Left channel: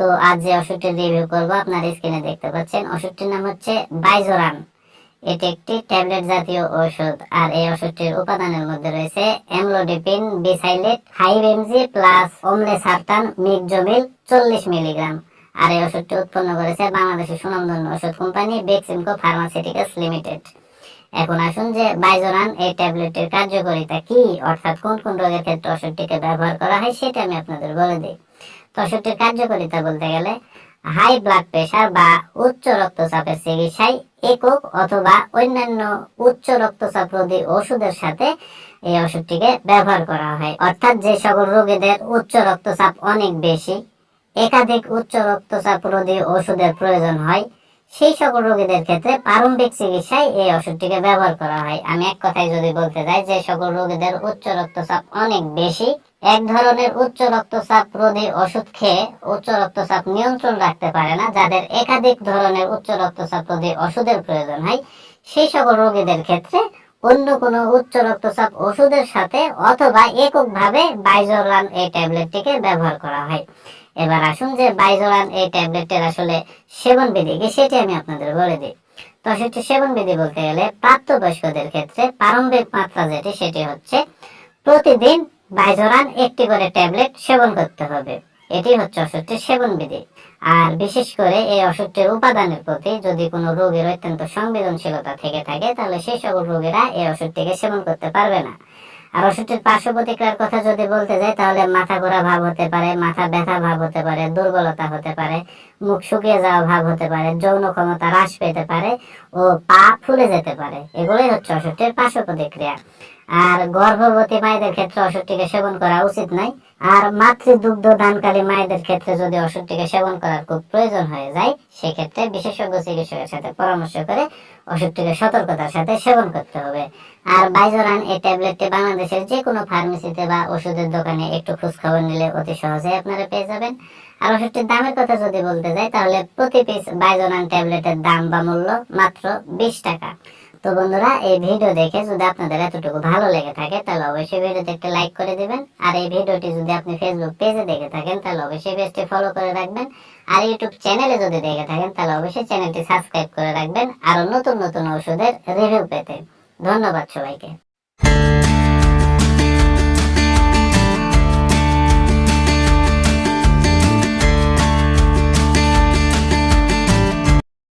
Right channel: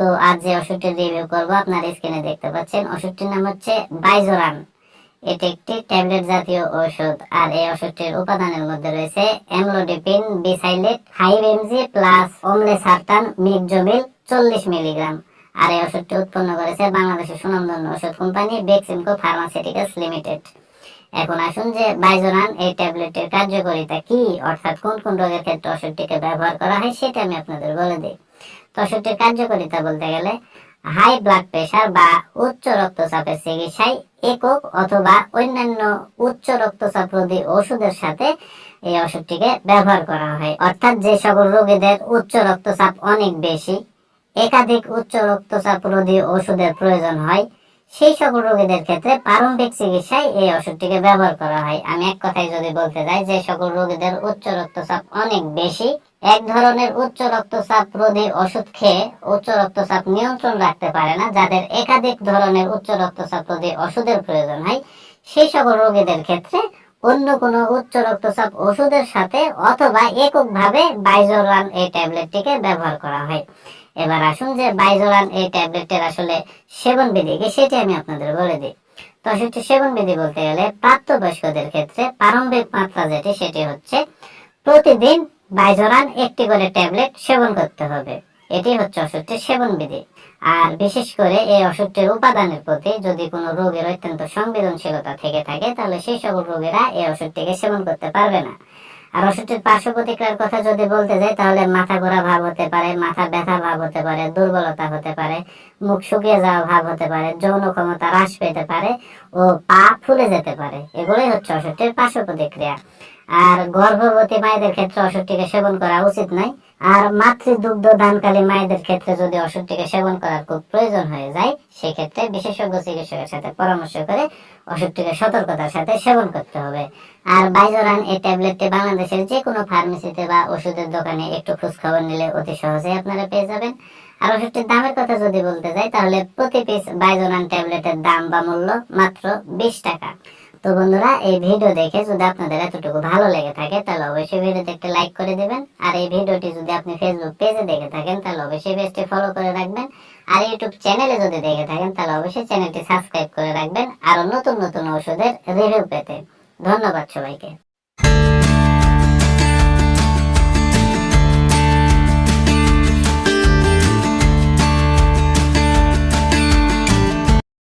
তো আজ যে ওষুধটির রিভিউ করব, আপনার স্ক্রিনে দেখতে পাচ্ছেন। ওষুধটির নাম হচ্ছে বাইজোরান। এটি একটি ট্যাবলেট জাতীয় ওষুধ। আর এই ওষুধটির উপাদানের মধ্যে রয়েছে amlodipine besylate five mg plus olmesartan medoxomil চল্লিশ মিলিগ্রাম আর এই ওষুধটি উৎপন্ন করেছে বাংলাদেশের সুনামধন্য ওষুধ কোম্পানি বেক্সিমকো ফার্মাসিউটিক্যালস লিমিটেড এখন আসুন যে বাইজোরান এই ট্যাবলেটের কার্যকারিতা কি, অর্থাৎ কোন কোন রোগের ক্ষেত্রে ওষুধটিকে ব্যবহার করা হয়, সেটা আমি আপনাদের বলে দিই। তো ওষুধটির কার্যকারিতা বলতে গেলে হাই ব্লাড প্রেশার বা উচ্চ রক্তচাপের চিকিৎসায় একক অথবা অন্যান্য উচ্চ রক্তচাপ রোধী ওষুধের সাথে এই ওষুধটিকে ব্যবহার করা হয়। অর্থাৎ যে সকল রোগীদের উচ্চ রক্তচাপ অনেক বেশি, একাধিক উচ্চ রক্তচাপ রোধী ওষুধের প্রয়োজন হয় সেই সকল রোগীদের ক্ষেত্রে প্রারম্ভিক চিকিৎসায় এই ওষুধটিকে ব্যবহার করা হয়। আমি এক কথায় যদি বলতে যাই, যে সকল রোগীদের উচ্চ রক্তচাপ অনেক বেশি। এক ধরনের উচ্চ রক্তচাপ রোধী ওষুধ খেয়ে উচ্চ রক্তচাপ নিয়ন্ত্রণ রাখতে পারে না, যাদের একাধিক ধরনের উচ্চ রক্তচাপ রোধী ওষুধের প্রয়োজন হয়। সেই সকল রোগীদের ক্ষেত্রে অন্য কোনো উচ্চ রক্তচাপ ওষুধের সাথে অথবা এককভাবে বাইজোরান এই ট্যাবলেটটিকে ব্যবহার করা হয়। এবার আসুন যে বাইজোরান এই ট্যাবলেটের আসলে সেবন বিধি কি, সেটি আমি আপনাদের বলে দিই। তো সেটি সেবন বিধি বলতে গেলে প্রাপ্তবয়স্কদের ক্ষেত্রে প্রারম্ভিক মাত্রা যেটি, সেটি হচ্ছে প্রতিদিন বাইজোরান একটি করে ট্যাবলেট সেবন করতে হবে। এটি হচ্ছে ওষুধটির সেবন বিধি। আর বিশেষ করে এই ওষুধটির উপাদানের প্রতি যদি কোনো রোগের অত্যন্ত সংবেদনশীলতা থেকে থাকে, তাহলে সেই সকল রোগীরা এই ওষুধটিকে সেবন করতে পারবে না। আর ওষুধটির পার্শ্ব প্রতিক্রিয়ার কথা যদি বলতে যাই, তাহলে মাথা ঘোরা ভাব হতে পারে, মাথা ব্যথা ভাব হতে পারে, দুর্বলতা হতে পারে মুখ শুকিয়ে যাওয়া ভাব হতে পারে, যৌন ক্ষমতা হ্রাস পেতে পারে, ও পা ফুলে যেতে পারে। এগুলোই হচ্ছে ওষুধটির পার্শ্ব প্রতিক্রিয়া। আর গর্ভবতী মায়েদের ক্ষেত্রে ওষুধটিকে সেবন করা উচিত নয় আর মাতৃদুগ্ধ দানকালী মায়েদের ক্ষেত্রে যদি ওষুধটিকে সেবন করার খুব প্রয়োজন হয়ে যায়, সেক্ষেত্রে বিশেষজ্ঞ চিকিৎসকের সাথে পরামর্শ করে ওষুধটিকে সতর্কতার সাথে সেবন করতে হবে। আর বাইজোরান, এই ট্যাবলেটটি বাংলাদেশের যে কোনো ফার্মেসিতে বা ওষুধের দোকানে একটু খোঁজ খবর নিলে অতি সহজেই আপনারা পেয়ে যাবেন। আর ওষুধটির দামের কথা যদি বলতে যাই, তাহলে প্রতি পিস বাইজোরান ট্যাবলেটের দাম বা মূল্য মাত্র বিশ টাকা। তো বন্ধুরা, এই ভিডিও দেখে যদি আপনাদের এতটুকু ভালো লেগে থাকে, তাহলে অবশ্যই ভিডিওতে একটা লাইক করে দিবেন। আর এই ভিডিওটি যদি আপনি ফেসবুক পেজে দেখে থাকেন, তাহলে অবশ্যই পেজটি ফলো করে রাখবেন। আর ইউটিউব চ্যানেলে যদি দেখে থাকেন, তাহলে অবশ্যই চ্যানেলটি সাবস্ক্রাইব করে রাখবেন। আরও নতুন নতুন ওষুধের রিভিউ পেতে। ধন্যবাদ সবাইকে।